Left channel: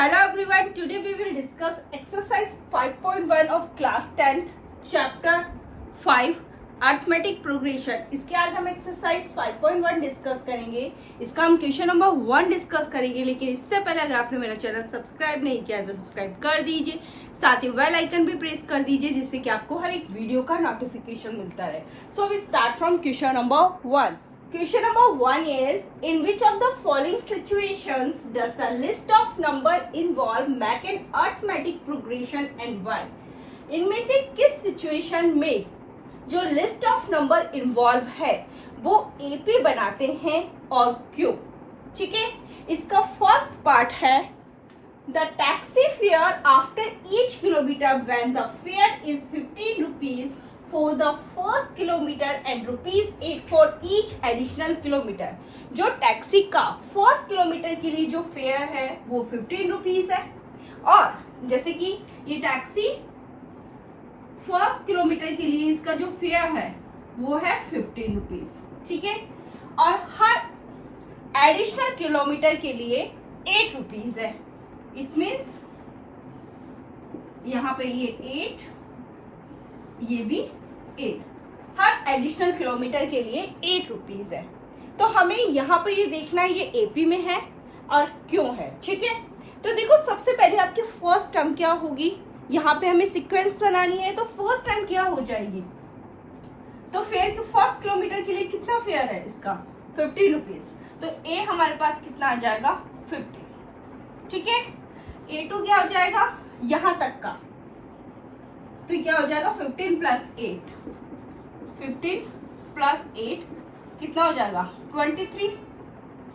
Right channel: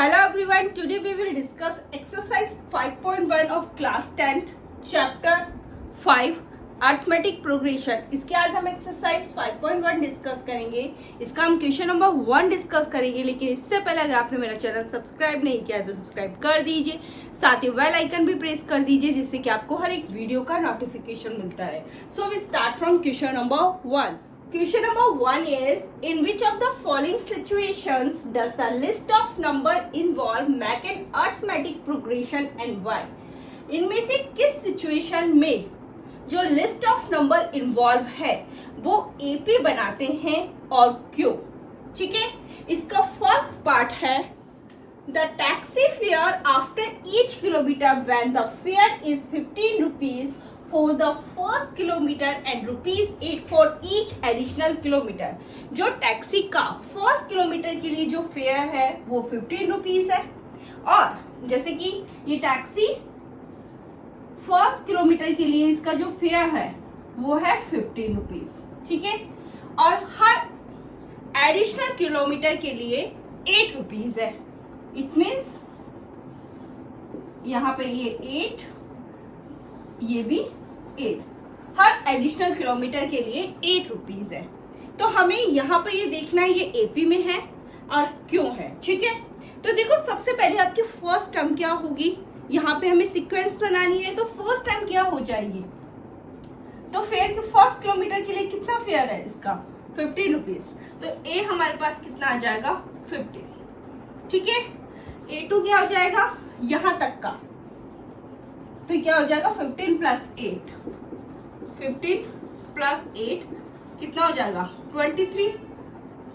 Hello everyone, today we will discuss exercise 5.1 of class 10th chapter 5 arithmetic progression. इसके आज हम exercise 5.1 discuss करेंगे। इसका हम क्वेश्चन नंबर 1 डिस्कस करेंगे, लेकिन इससे पहले अगर आपने मेरा चैनल सब्सक्राइब नहीं किया है तो सब्सक्राइब कर दीजिए, साथ ही बेल आइकन भी प्रेस कर दीजिए जिससे कि आपको हर एक वीडियो का नोटिफिकेशन मिलता है। So we start from question number 1। Question number 1 is, in which of the following situations does a list of number involve make an arithmetic progression and why? इनमें से किस सिचुएशन में जो लिस्ट ऑफ नंबर इन्वॉल्व है वो AP बनाते हैं और क्यों? ठीक है, इसका फर्स्ट पार्ट है the taxi fare after each kilometre when the fair is 15 rupees for the first kilometer and ₹8 for each additional kilometer। जो टैक्सी का फर्स्ट किलोमीटर के लिए जो फेयर है वो 15 रुपीज है, और जैसे कि ये टैक्सी फर्स्ट किलोमीटर के लिए इसका जो फेयर है वो है 15 रुपीज। ठीक है, और हर एडिशनल किलोमीटर के लिए 8 रुपीज है। इट मीन्स यहाँ पे ये 8, ये भी 8, हर एडिशनल किलोमीटर के लिए 8 रुपीज है। तो हमें यहाँ पर ये देखना है ये एपी में है और क्यों है। ठीक है, तो देखो सबसे पहले आपकी फर्स्ट टर्म क्या होगी, यहाँ पे हमें सीक्वेंस बनानी है तो फर्स्ट टर्म क्या हो जाएगी, तो फेयर के फर्स्ट किलोमीटर के लिए कितना फेयर है इसका 15 रुपीज, तो ए हमारे पास कितना आ जाएगा 50। ठीक है, A2 क्या हो जाएगा यहाँ तक का, तो क्या हो जाएगा 15 प्लस 8, 15 प्लस 8 कितना हो जाएगा 23।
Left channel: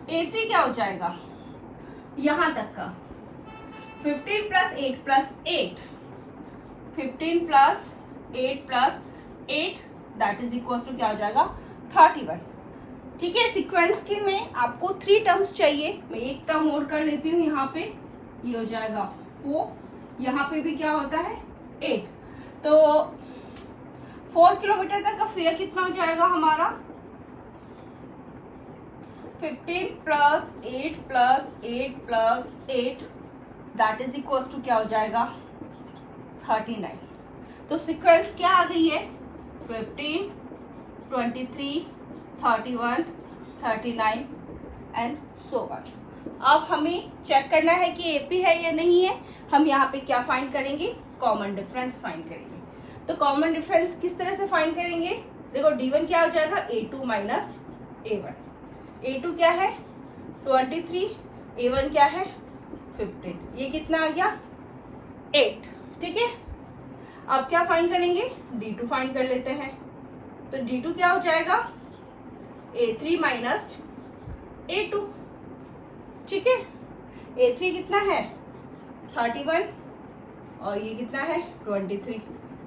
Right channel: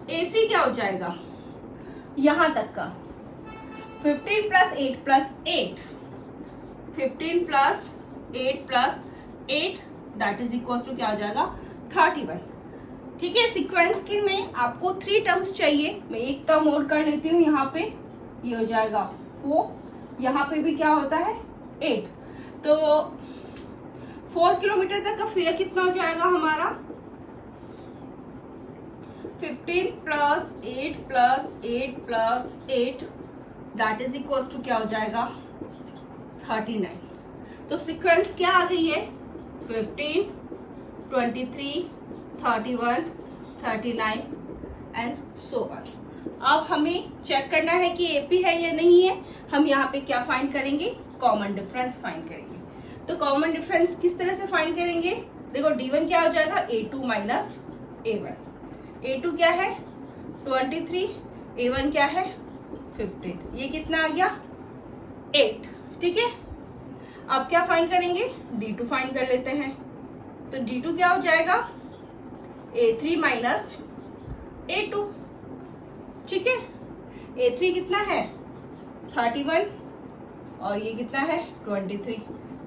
A3 क्या हो जाएगा यहां तक का 15 plus 8 plus 8, 15 plus 8 plus 8 that is equal to क्या हो जाएगा 31। ठीक है, सीक्वेंस के में आपको 3 टर्म्स चाहिए, मैं एक टर्म और कर लेती हूँ। यहाँ पे ये हो जाएगा 4, यहाँ पे भी क्या होता है 8, तो 4 किलोमीटर तक का फेयर कितना हो जाएगा हमारा 15 plus 8 plus 8 plus 8 that is equal to क्या हो जाएगा 39। तो सीक्वेंस क्या आ गई है 15, 23, 31, 39 एंड सो ऑन। अब हमें चेक करना है कि एपी है या नहीं है। हम यहाँ पे क्या फाइंड करेंगे, कॉमन डिफरेंस फाइंड करेंगे। तो कॉमन डिफरेंस किस तरह से फाइंड करेंगे, देखो D1 क्या हो जाएगा A2 माइनस A1। A2 क्या है 23, A1 क्या है 15, ये कितना आ गया 8। ठीक है, अब क्या फाइंड करेंगे D2 फाइंड कर लेते हैं। तो D2 क्या हो जाएगा A3 माइनस A2। ठीक है, A3 कितना है 31 और ये कितना है 23,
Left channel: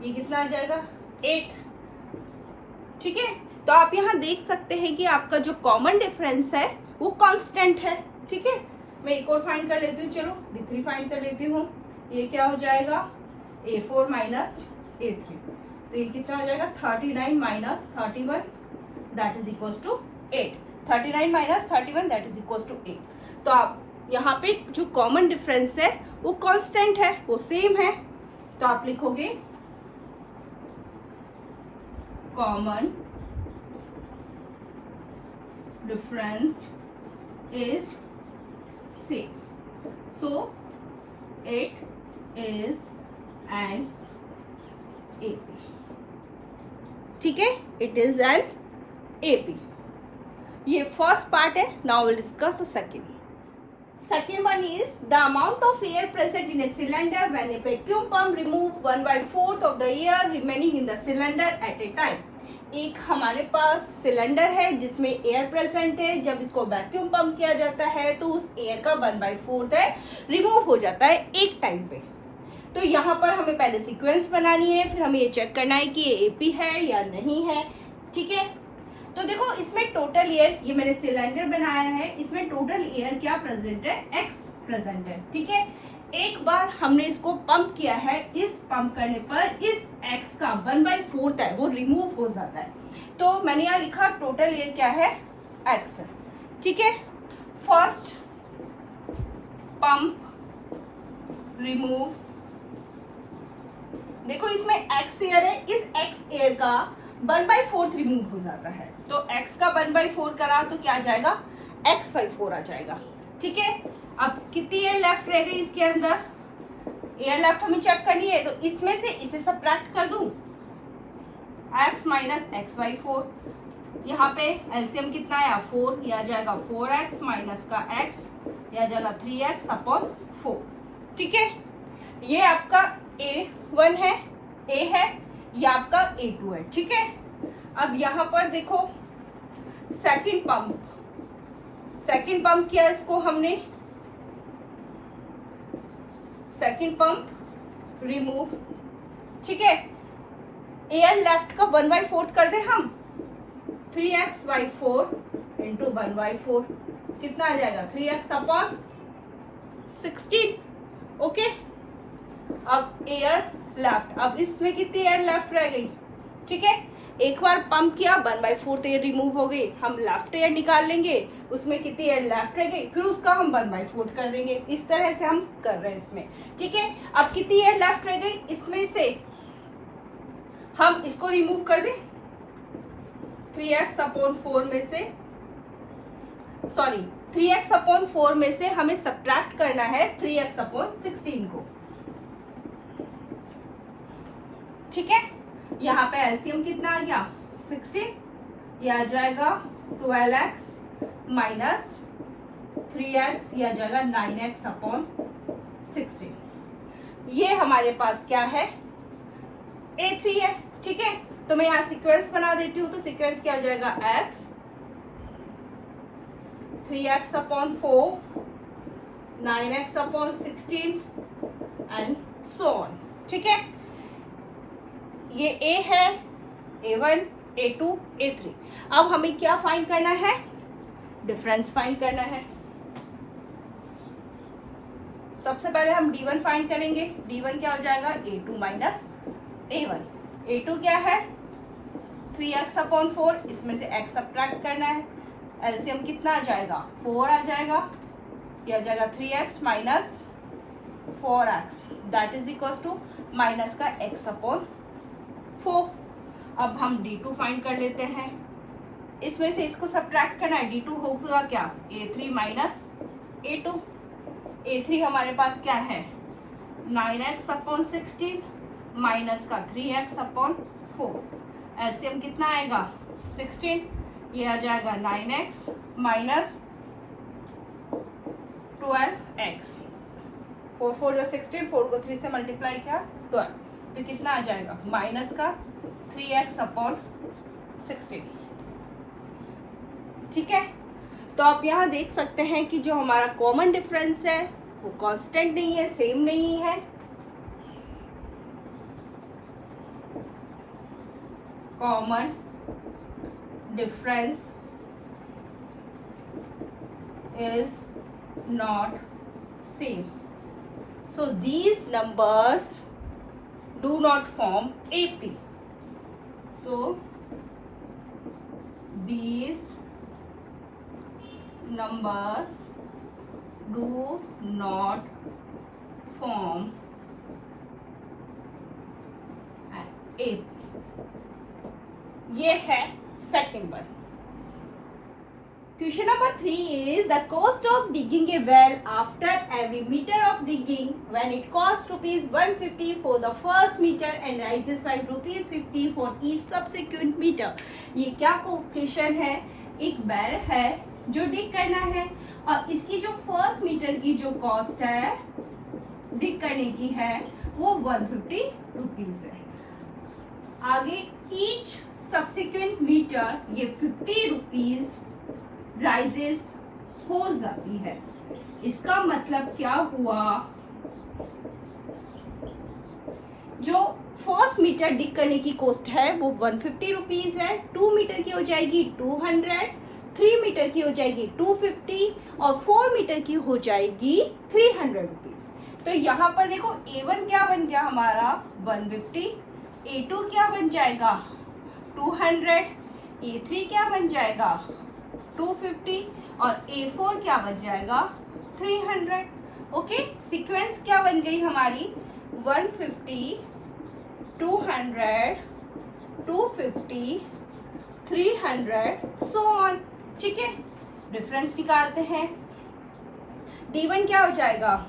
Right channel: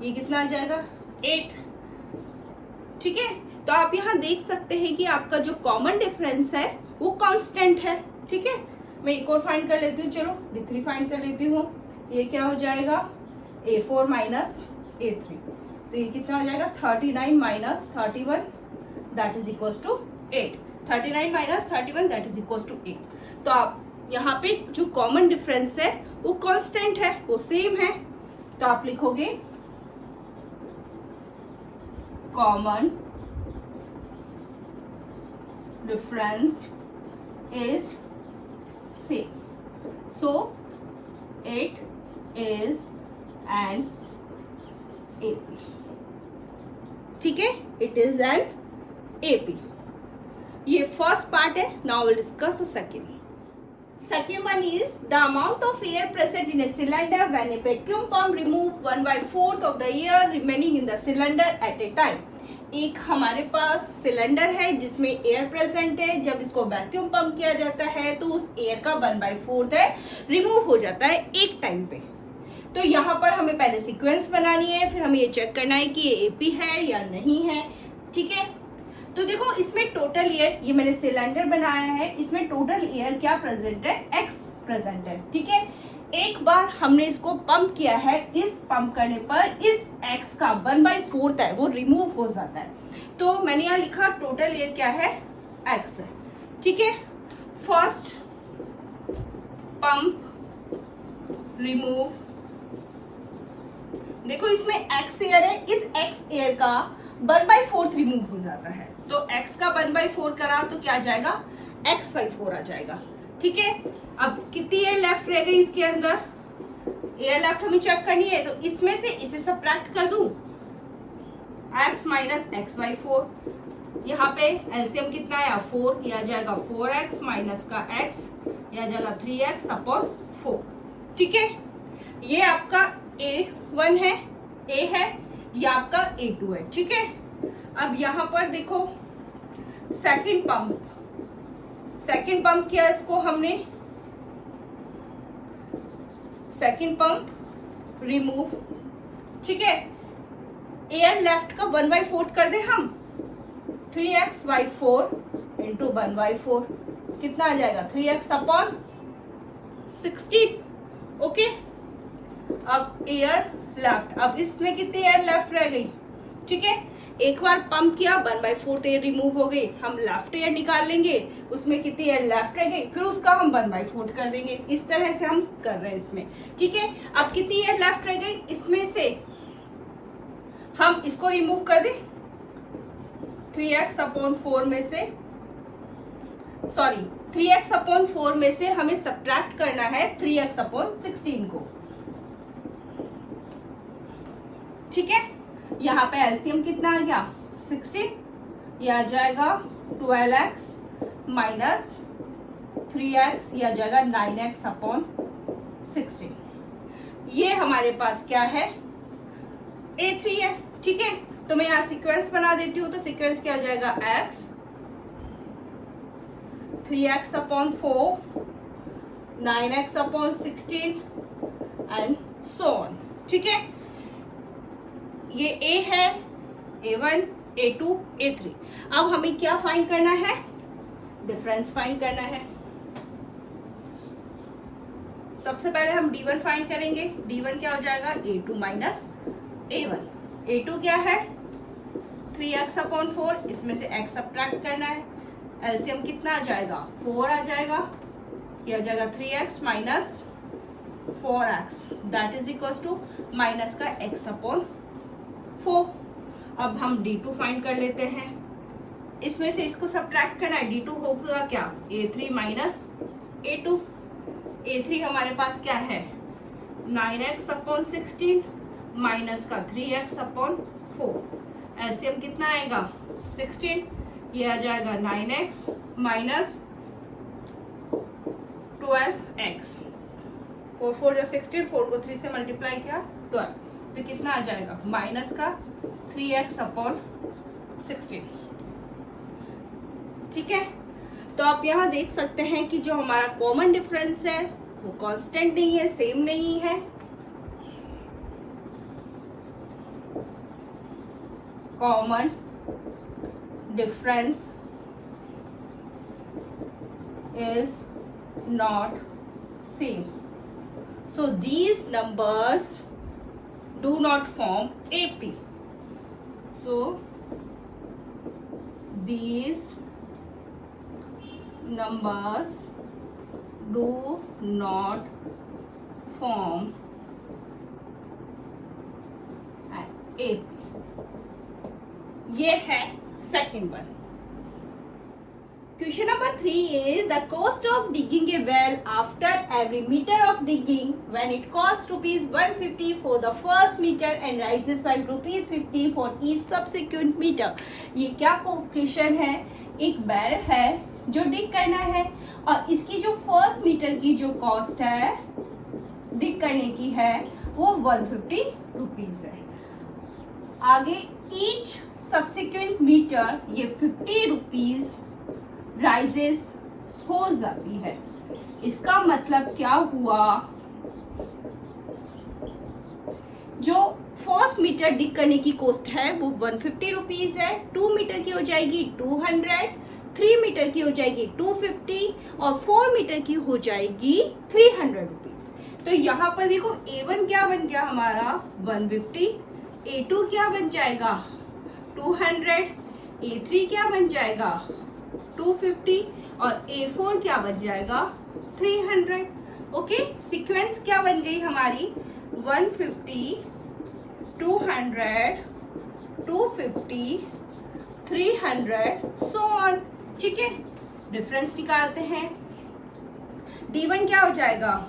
ये कितना आ जाएगा 8। ठीक है, तो आप यहाँ देख सकते हैं कि आपका जो कॉमन डिफरेंस है वो कांस्टेंट है। ठीक है, मैं एक और फाइंड कर लेती हूँ, चलो D3 फाइंड कर लेती हूँ। ये क्या हो जाएगा A4 माइनस A3, तो ये कितना हो जाएगा 39 minus 31 that is equal to 8। 39 minus 31 that is equal to 8। तो आप यहाँ पे जो कॉमन डिफरेंस है वो कांस्टेंट है, वो सेम है। तो आप लिखोगे common difference is same, so it is an AP. ठीक है, इट इज एन एपी। ये फर्स्ट पार्ट है। Now will discuss the second. Second one is the amount of air present in a cylinder when a vacuum pump remove 1/4 of the air remaining in the cylinder at a time। एक हमारे पास cylinder है जिसमें air present है, जब इसको vacuum pump किया जाता है तो उस एयर का 1/4 है रिमूव हो जाता है एक टाइम पे। तो यहाँ पर हमें पहले सीक्वेंस बनानी है, फिर हमें ये चेक करना है कि ये एपी है या नहीं है। ठीक है, तो देखो इसमें टोटल एयर, ये मैंने सिलेंडर बनाया है, इसमें टोटल एयर क्या प्रेजेंट है x प्रेजेंट है। ठीक है, एक बार हमने इसको पंप किया है, इस पंप करने पर इस x का 1/4 है वो रिमूव हो जाता है। तो मैंने यहाँ लिखा टोटल एयर क्या है x है। ठीक है, फर्स्ट पंप रिमूव, देखो इसमें x एयर है, इस x एयर का 1/4 रिमूव हो जाता है, तो x का 1/4 करा तो क्या आ जाएगा, x/4 आ जाएगा। ठीक है, अब कितनी एयर लेफ्ट रह गई इसके अंदर, एयर लेफ्ट हमें चेक करनी है, तो इसमें से इसे सब्ट्रैक्ट कर दूं, x माइनस x/4, यहाँ पे एलसीएम कितना आया 4, यह आ जाएगा 4x माइनस का x, यह आ जाएगा 3x/4। ठीक है, ये आपका A1 है, A है, ये आपका A2 है। ठीक है, अब यहाँ पर देखो सेकंड पंप किया इसको हमने, सेकंड पंप रिमूव। ठीक है, एयर लेफ्ट का 1/4 कर दे हम, 3x/4 इंटू 1/4 कितना आ जाएगा 3x/16। ओके, अब एयर लेफ्ट, अब इसमें कितनी एयर लेफ्ट रह गई। ठीक है, एक बार पंप किया 1/4 तो एयर रिमूव हो गई, हम लेफ्ट एयर निकाल लेंगे, उसमें कितनी एयर लेफ्ट रह गई, फिर उसका हम 1/4 कर देंगे। इस तरह से हम कर रहे हैं इसमें। ठीक है, अब कितनी एयर लेफ्ट रह गई, इसमें से हम इसको रिमूव कर दें, 3x/4 में से, सॉरी 3x/4 में से हमें सब्ट्रैक्ट करना है 3x/16 को। ठीक है, यहाँ पे एलसीएम कितना आ गया 16, यह आ जाएगा 12x माइनस 3x, यह आ जाएगा 9x/16। ये हमारे पास क्या है, A3 है। ठीक है, तो मैं यहाँ सीक्वेंस बना देती हूँ, तो सीक्वेंस क्या आ जाएगा x, 3x/4, 9x/16 and so on. ठीक है, ये A है, A1, A2, A3। अब हमें क्या फाइंड करना है, डिफरेंस फाइंड करना है। सबसे पहले हम D1 फाइंड करेंगे, D1 क्या हो जाएगा A2 माइनस A1। A2 क्या है 3x/4, इसमें से x सब्ट्रैक्ट करना है, एलसीएम कितना आ जाएगा 4 आ जाएगा, यह आ जाएगा 3x minus 4x, that is equal to minus का x/4। अब हम D2 फाइंड कर लेते हैं, इसमें से इसको सब्ट्रैक्ट करना है, D2 होगा क्या A3 माइनस A2। A3 हमारे पास क्या है 9x/16 माइनस का 3x/4, एलसीएम कितना आएगा 16, ये आ जाएगा 9x माइनस 12x, 4 4 जो 16, 4 को 3 से मल्टीप्लाई किया 12, तो कितना आ जाएगा माइनस का 3x/16। ठीक है, तो आप यहाँ देख सकते हैं कि जो हमारा कॉमन डिफरेंस है वो कांस्टेंट नहीं है, सेम नहीं है। Common difference is not same, so these numbers do not form AP, so these numbers do not form AP। ये है second one. Question number 3 is the cost of digging a well after every meter of digging when it costs rupees 150 for the first meter and rises by rupees 50 for each subsequent meter। ये क्या question है, एक बैल है जो डिग करना है और इसकी जो फर्स्ट मीटर की जो कॉस्ट है डिग करने की है वो 150 रुपीज है। आगे ईच सब्सिक्वेंट मीटर ये 50 रुपीज राइजेस हो जाती है। इसका मतलब क्या हुआ, जो फर्स्ट मीटर डिग करने की कॉस्ट है वो 150 रुपीज है, 2 मीटर की हो जाएगी 200, 3 मीटर की हो जाएगी 250 और 4 मीटर की हो जाएगी 300 रुपीज। तो यहाँ पर देखो A1 क्या बन गया हमारा 150, A2 क्या बन जाएगा 200, A3 क्या बन जाएगा 250 और A4 क्या बन जाएगा 300। ओके, सीक्वेंस क्या बन गई हमारी, 150, 200, 250, 300 सो ऑन। ठीक है, डिफरेंस निकालते हैं। D1 क्या हो जाएगा,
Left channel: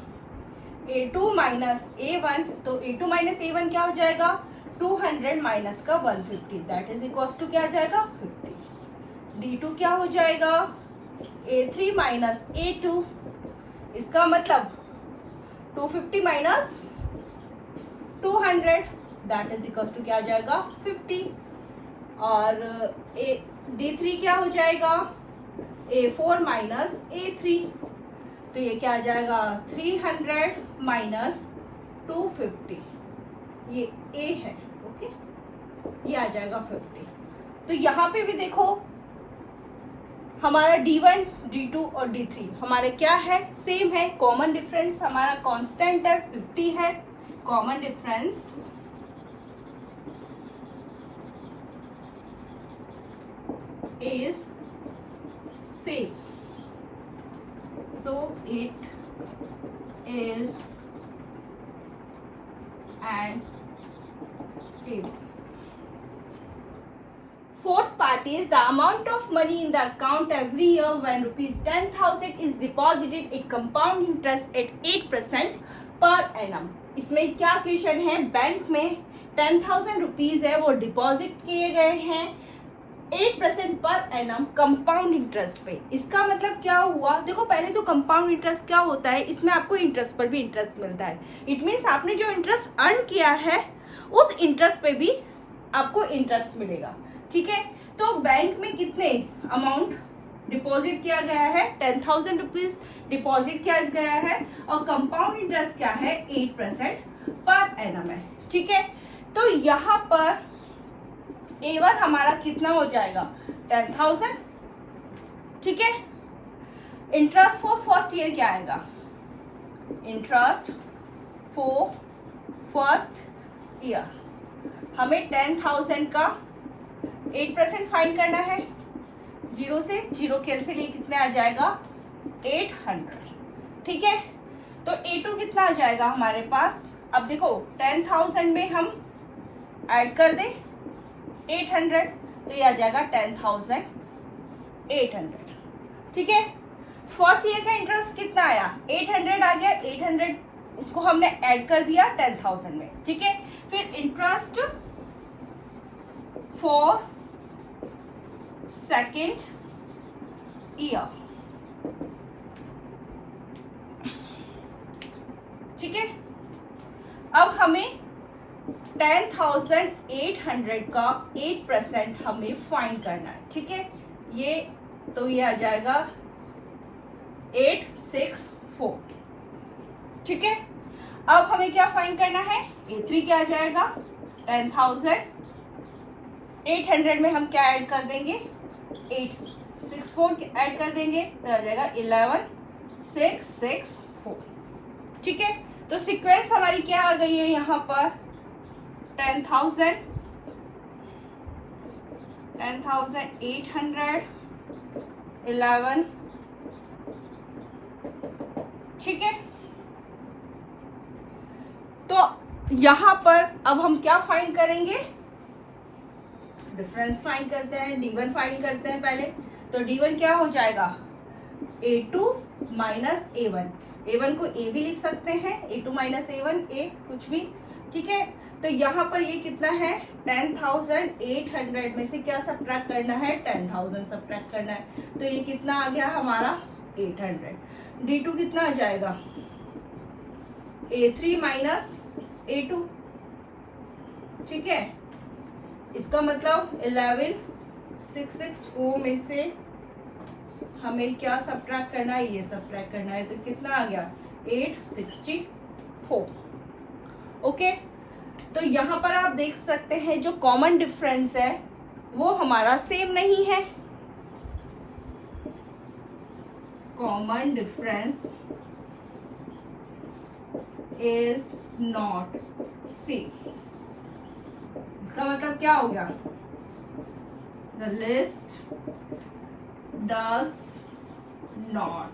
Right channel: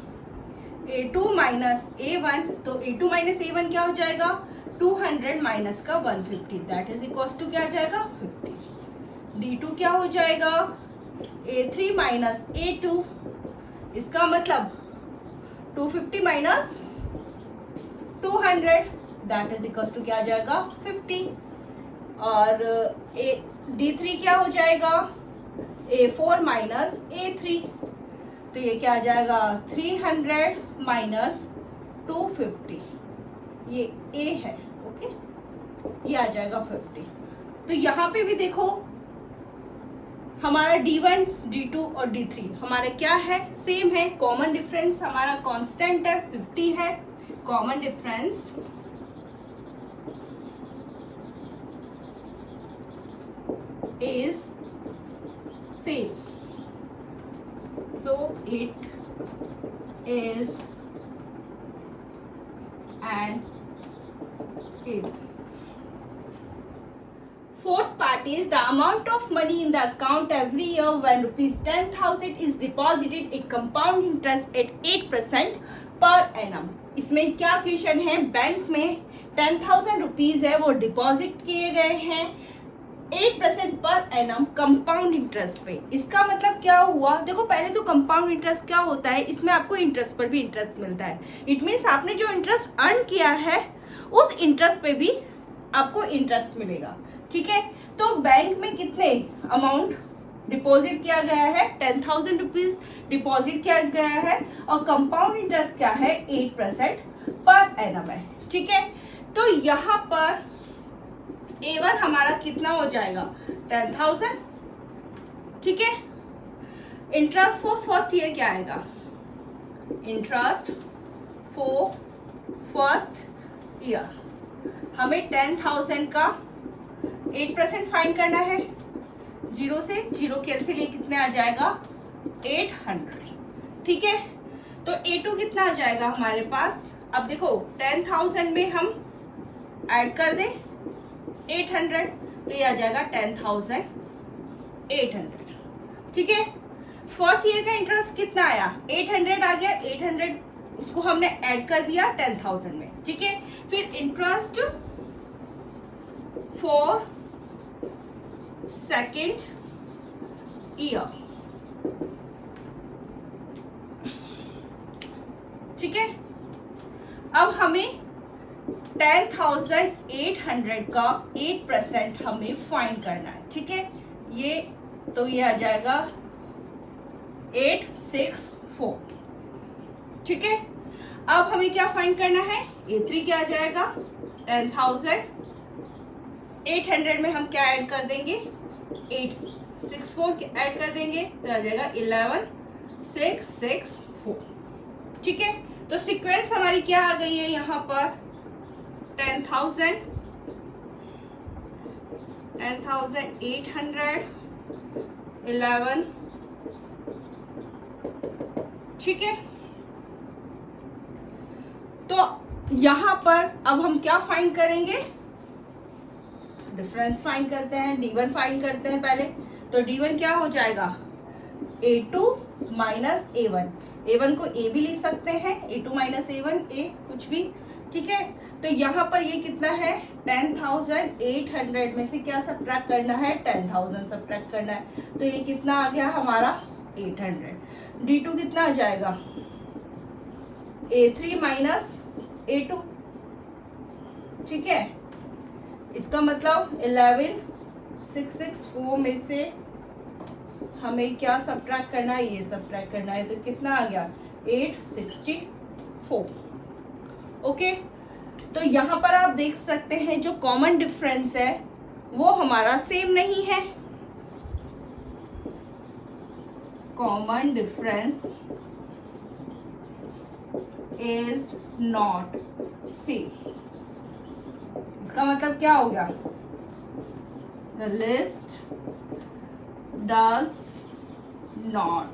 A2 माइनस A1, तो A2 माइनस A1 क्या हो जाएगा, 200 माइनस का 150, दैट इज इक्वल टू क्या आ जाएगा, 50। D2 क्या हो जाएगा, A3 माइनस A2, इसका मतलब 250 minus 200, that is equal to क्या आ जाएगा, 50। और D3 क्या हो जाएगा, A4 माइनस A3, तो ये क्या आ जाएगा, 300 माइनस 250, ये A है। ओके, ये आ जाएगा 50। तो यहाँ पे भी देखो हमारा D1, D2 और D3 हमारा क्या है, सेम है। कॉमन डिफरेंस हमारा कांस्टेंट है, 50 है। Common difference is same, so it is an A1. Fourth part is the amount of money in the account every year when rupees 10,000 is deposited at compound interest at 8% per annum. इसमें क्या question है, bank में 10,000 rupees है वो deposit किए गए हैं 8% per annum compound interest पे। इसका मतलब क्या हुआ, देखो पहले तो कंपाउंड इंटरेस्ट क्या होता है, इसमें आपको इंटरेस्ट पर भी इंटरेस्ट मिलता है। इट मीन्स आपने जो इंटरेस्ट अर्न किया है उस इंटरेस्ट पे भी आपको इंटरेस्ट मिलेगा। ठीक है, तो बैंक में कितने अमाउंट डिपॉजिट किया गया है, 10,000 रुपीज डिपॉजिट किया गया है और कंपाउंड इंटरेस्ट क्या है, 8% पर एनम है। ठीक है, तो यहाँ पर A1 हमारा कितना हो जाएगा, 10,000। ठीक है, इंटरेस्ट फॉर फर्स्ट ईयर क्या आएगा, इंटरेस्ट फॉर फर्स्ट ईयर हमें 10,000 का 8% फाइंड करना है। 0 से 0 कैंसिल, ये कितने आ जाएगा, 800। ठीक है, तो A2 कितना आ जाएगा हमारे पास, अब देखो 10,000 में हम ऐड कर दें 800, तो ये आ जाएगा 10,800। ठीक है, फर्स्ट ईयर का इंटरेस्ट कितना आया, 800 आ गया, 800 को हमने ऐड कर दिया 10,000 में। ठीक है, फिर इंटरेस्ट फॉर सेकेंड ईयर। ठीक है, अब हमें 10,800 का 8% हमें फाइंड करना है। ठीक है, ये तो ये आ जाएगा 864। ठीक है, अब हमें क्या फाइंड करना है, A3 क्या आ जाएगा, 10,800 में हम क्या ऐड कर देंगे, 864 ऐड कर देंगे, तो आ जाएगा 11,664। ठीक है, तो सीक्वेंस हमारी क्या आ गई है यहाँ पर, 10,000, 10,800, 11। ठीक है, तो यहां पर अब हम क्या फाइंड करेंगे, डिफरेंस फाइंड करते हैं, D1 फाइंड करते हैं पहले। तो D1 क्या हो जाएगा, A2 माइनस A1, A1 को A भी लिख सकते हैं, A2 माइनस A1, A कुछ भी। ठीक है, तो यहाँ पर ये कितना है, 10,800 में से क्या सब्ट्रैक्ट करना है, 10,000 सब्ट्रैक्ट करना है, तो ये कितना आ गया हमारा 800। D2 कितना आ जाएगा, A3 माइनस A2। ठीक है, इसका मतलब 11,664 में से हमें क्या सब्ट्रैक्ट करना है, ये सब्ट्रैक्ट करना है, तो कितना आ गया 864। ओके, तो यहाँ पर आप देख सकते हैं जो कॉमन डिफरेंस है वो हमारा सेम नहीं है। Common difference is not same, इसका मतलब क्या हो गया, the list does not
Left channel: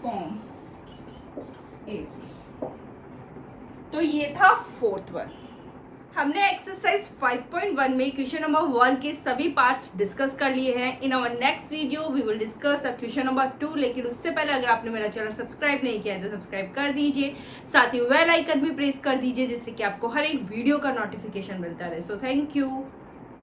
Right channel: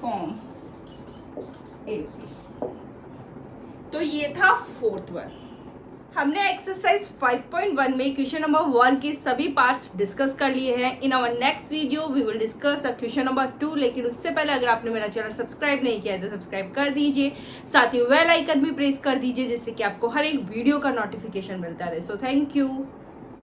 form तो ये था फोर्थ वन। हमने एक्सरसाइज 5.1 में क्वेश्चन नंबर 1 के सभी पार्ट्स डिस्कस कर लिए हैं। In our next video we will discuss question number 2। लेकिन उससे पहले अगर आपने मेरा चैनल सब्सक्राइब नहीं किया है तो सब्सक्राइब कर दीजिए, साथ ही बेल आइकन भी प्रेस कर दीजिए जिससे कि आपको हर एक वीडियो का नोटिफिकेशन मिलता रहे। So thank you.